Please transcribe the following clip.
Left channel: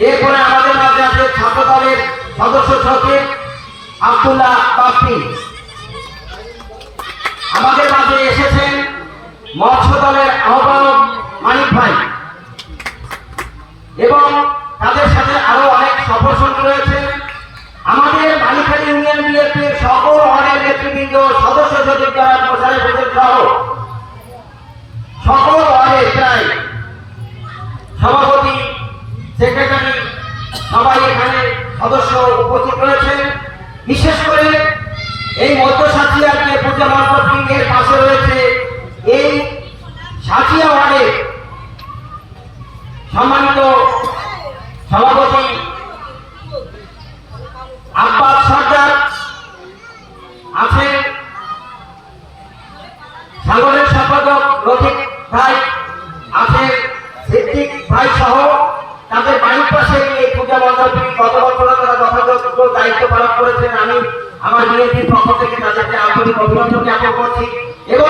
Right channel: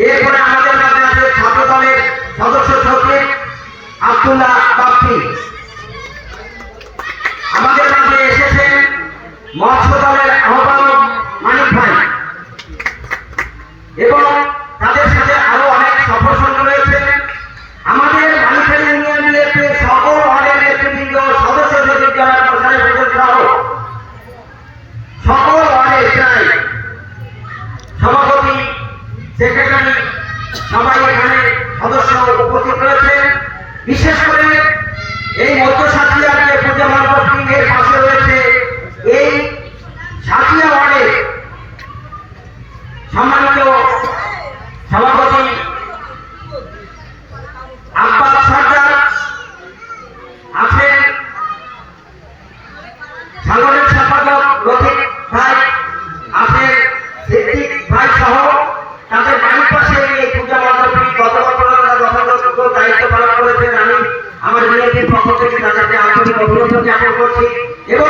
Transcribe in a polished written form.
এরপরে আমাদের মাঝে আছে ছাত্র দলের সদস্য সচিব আব্দুল্লাহ বাপ্পি। আমাদের মাঝে এসেছেন মৎস্য দলের আহ্বায়ক মানিক ভাই এবং তাদের সাথে আরো অনেক সদস্য রয়েছে। আমাদের মানিকখালী ইউনিয়ন বিএনপির সকল ওয়ার্ডের নেতৃবৃন্দ, সদস্য সচিব যারা প্রচারে সহ সকল ওয়ার্ডের প্রায় সভাপতি, সেক্রেটারি সবাই এখানে সদস্য উপস্থিত রয়েছেন। বিশেষ করে এই মধ্য সাঁচিয়ার যে পূজা মার্কেটিং এর পাশে রয়েছে এই সাঁচিয়া ওয়ার্ডে সম্মানিত সভাপতি আব্বাস সর্দার আছেন, সাধারণ সম্পাদক রফিক ভাই আছেন, সিদ্দিক ভাই সহ তাদের বাড়ির পাশে এই পূজা মণ্ডপটি গত বছর যথাযথ দায়িত্ব পালন করেছেন। আমি আমার বিএনপির পক্ষ থেকে তাদেরকে আন্তরিক অভিনন্দন জ্ঞাপন করছি। এবং